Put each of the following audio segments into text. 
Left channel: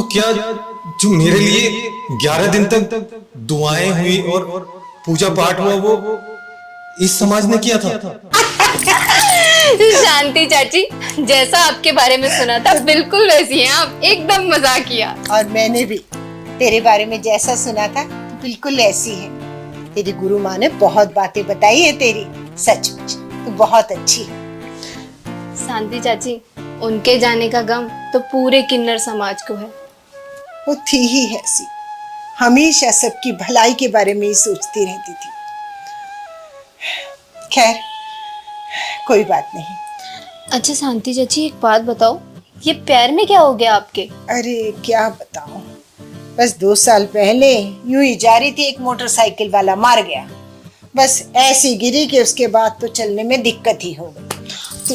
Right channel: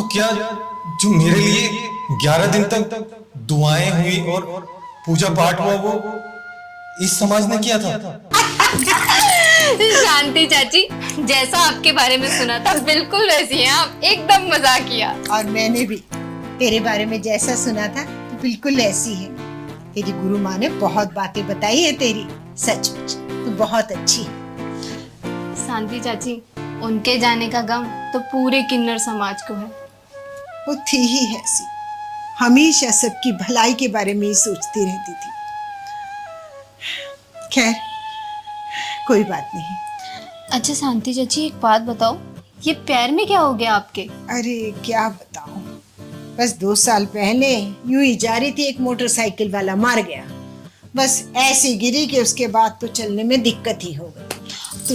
तो क्या जो मेरे लिए 11 दिन तक दुआएं हुई और पूजा पाठ हुआ वो इस समाज ने किया था? शांति चाची, जैसा आपके बारे में सुना था बिल्कुल वैसी हैं आप, एकदम मजाक किया। और मैंने भी तेरे बारे में जैसा सुना था बिल्कुल ऐसी है। तेरी गुरु माँ ने बहुत बातें बताई है तेरी, सचमुच तू बहुत अच्छी है। शांति चाची, उनके जाने का गम तो पूरे किन्नर समाज को है। वो थी ही ऐसी, हमेशा सबकी भलाई के बारे में ही सोचती रहती थी। खैर कोई बात नहीं। अच्छा शांति चाची, एक बात बताओ, ये पैर में क्या हो गया आपके? अरे क्या बताऊं, बस 2 साल पहले यूं ही जा रही थी, एक मोटरसाइकिल वाला मार गया। बस ऐसी गिरी कि उसके बाद तो चलने में दिक्कत ही हो गई।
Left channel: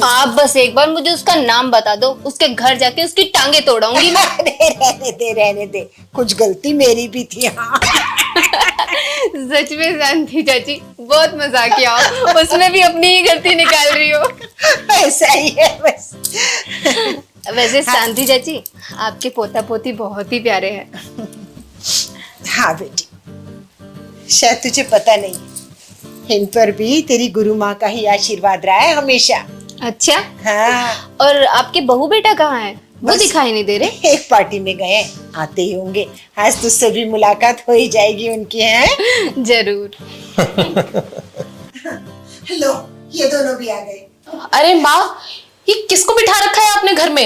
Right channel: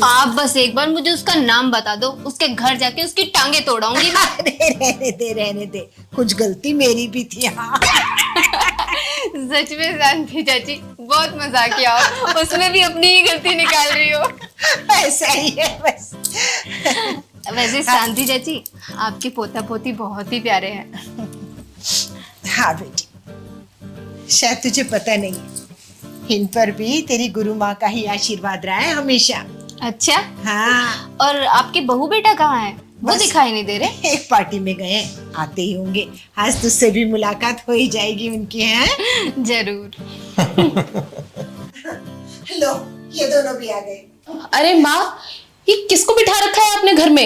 आप बस एक बार मुझे उसका नाम बता दो, उसके घर जाके उसकी टांगे तोड़ाऊंगी मैं। रहने दे, कुछ गलती मेरी भी थी। हाँ। सच में शांति चाची, बहुत मजाक किया आप, उसमें भी अपनी ही गलती निकाल रही हो। ऐसा ही है बस। वैसे शांति चाची, आपके पोता पोती बहुत ही प्यारे हैं। हाँ बेटी, शायद तुझे पता नहीं, इन पर भी तेरी गुरु माँ का ही आशीर्वाद रहा है हमेशा। अच्छा, हाँ। और आपके बहू बेटा कहाँ है? वो दिखाई नहीं दे रहे। एक पार्टी में गए, आते ही होंगे। आज तुझसे भी मुलाकात हो ही जाएगी उनकी, है? जरूर। लो, ये दोनों भी आ गए। अरे माँ, ये किसको बिठा रखा है आपने घर में?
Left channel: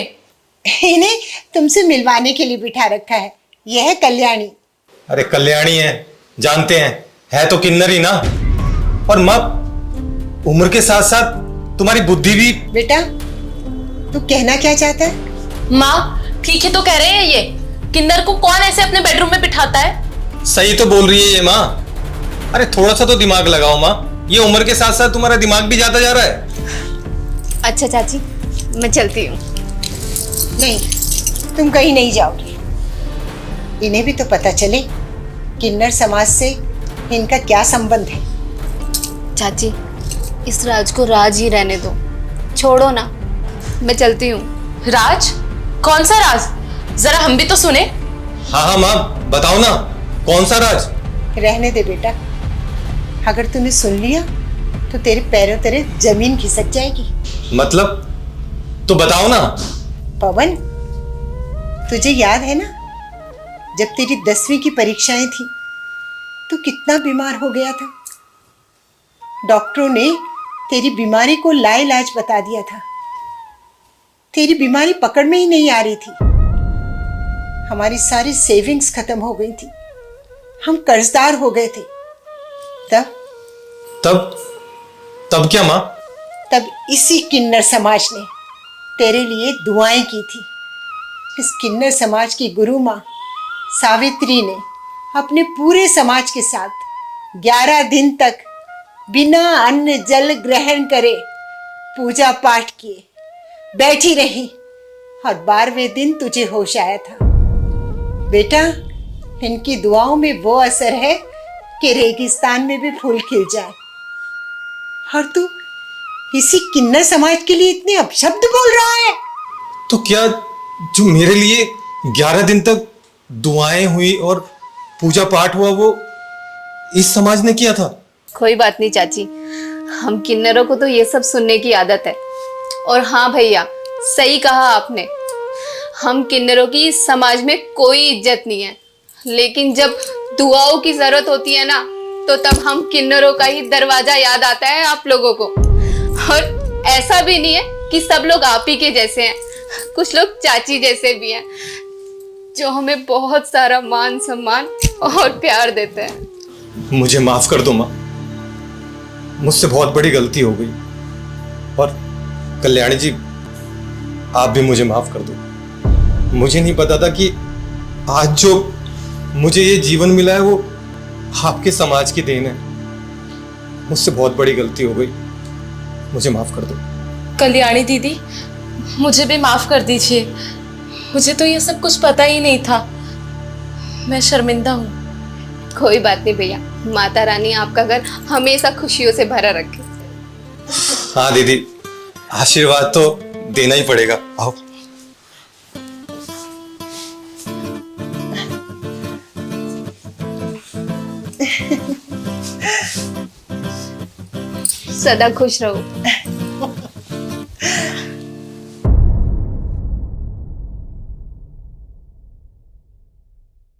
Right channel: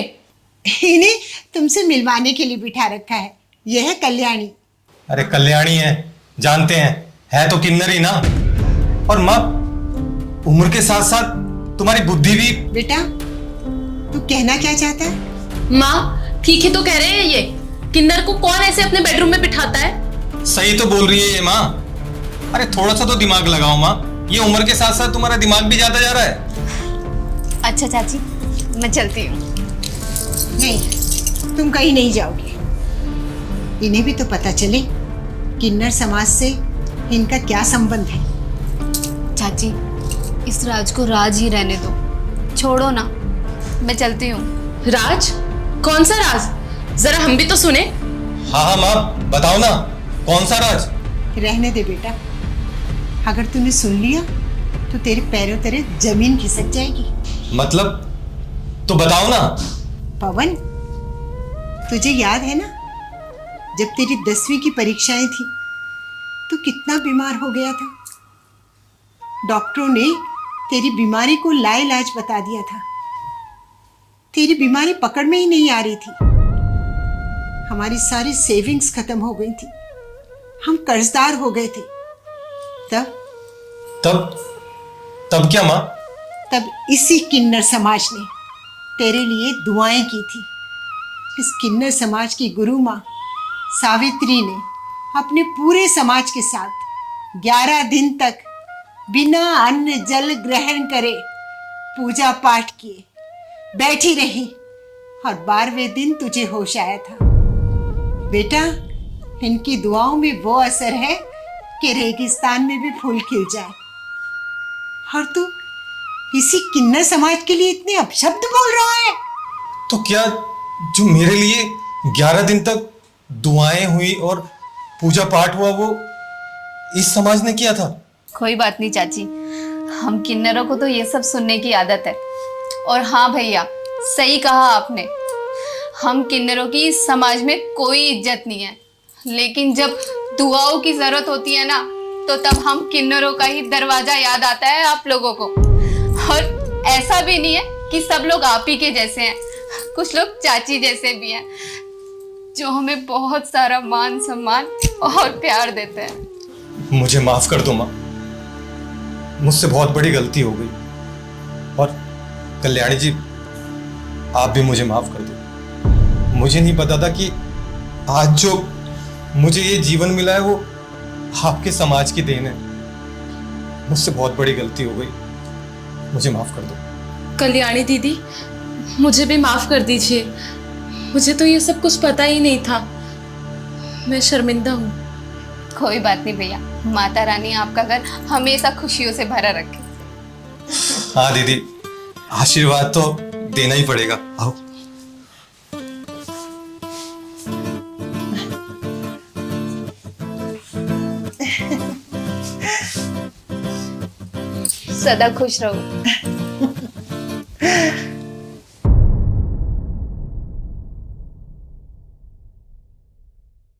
इन्हें तुमसे मिलवाने के लिए बिठा रखा है। यह है कल्याणी। अरे कल्याणी है, जानते हैं, है तो किन्नर ही ना। और माँ, उम्र के साथ साथ तुम्हारी बुद्धि भी। बेटा तू कहना क्या चाहता है? माँ ठीक ही तो कह रहे हैं ये, किन्नर को कौन ऐसे अपने बेडरूम में बिठाता है? सही तो बोल रही है ये माँ। अरे थोड़ा सा तो दिमाग लगाओ माँ, ये उम्र के साथ साथ तुम्हारा दिमाग भी जाता जा रहा है। अच्छा चाची, मैं चलती हूँ। नहीं, तुम कहीं नहीं जाओगी। इन्हें भी तो पता चले किन्नर समाज से इनका क्या संबंध है। चाची, इस राज को राज ही रहने दो, छोड़ो ना, मैं चलती हूँ। राज? कौन सा राज? जरा हम भी तो सुने। हाँ हाँ माँ, बताओ ना, कौन सा राज? रहने दे बेटा, अगर तूने सुन लिया तो तेरे पैरों तले जमीन खिसक जाएगी। मतलब तो बताओ ना। पवन, तुझे याद है ना, जब तेरी 10वीं की परीक्षाएं थी तो कितना बीमार हो गया था। डॉक्टरों ने तेरी बीमारी को लाइलाज बता दिया था। तेरी बीमारी पकड़ में ही नहीं आ रही थी। हमारी सारी सेविंग्स खत्म हो गई थी, हम कर्जदार हो गए थे। तब तब तब क्या माँ? तब इसी किन्नर समाज ने तेरे लिए दुआएं की थी। इस किन्नर समाज की गुरु माँ सावित्री ने अपने पूरे समाज के साथ 11 दिन तक बिना अन्न जल ग्रहण करे पूजा पाठ किए बैठी रही, और 12वें दिन तुझे होश आया था। बेटा, इनकी दुआओं में वो असर है कि रेगिस्तान में भी फूल खिल जाए। और तू इसी किन्नर समाज के लिए इतने अपशब्द बोल रहा है? तो क्या जो मेरे लिए 11 दिन तक दुआएं हुई और पूजा पाठ हुआ वो इस समाज ने किया था? कोई बात नहीं चाची, हम किन्नरों को तो ये सब सुनने की आदत है। और हाँ भैया, सही कहा आपने, हम किन्नरों की इस समाज में कोई इज्जत नहीं है, लेकिन जब दुआओं की जरूरत होती है ना, तो तब हम किन्नरों का ही दरवाजा याद आता है आप लोगों को। और ऐसा भी नहीं है कि सब लोग आप ही के जैसे हैं, कुछ लोग चाची जैसे भी हैं, जो हमें बहुत सारा मान सम्मान और प्यार देते हैं। मुझे माफ कर दो माँ, मुझसे बहुत बड़ी गलती हो गई। और कल्याणी जी, आप भी मुझे माफ कर दो। मुझे नहीं पता था कि आज जो मुझे ये जीवन मिला है वो आपके समाज की देन है। मुझसे बहुत बड़ी गलती हो गई, मुझे माफ कर दो। कल्याणी दीदी, मुझे भी माफ कर दीजिए, मुझे तो ये सब कुछ पता ही नहीं था, मैं शर्मिंदा हूँ। कोई बात नहीं भैया, माता रानी आपका घर हमेशा खुशियों से भरा रखे। हाँ दीदी, आशीर्वाद तो देना ही पड़ेगा। आओ। सदा खुश रहो।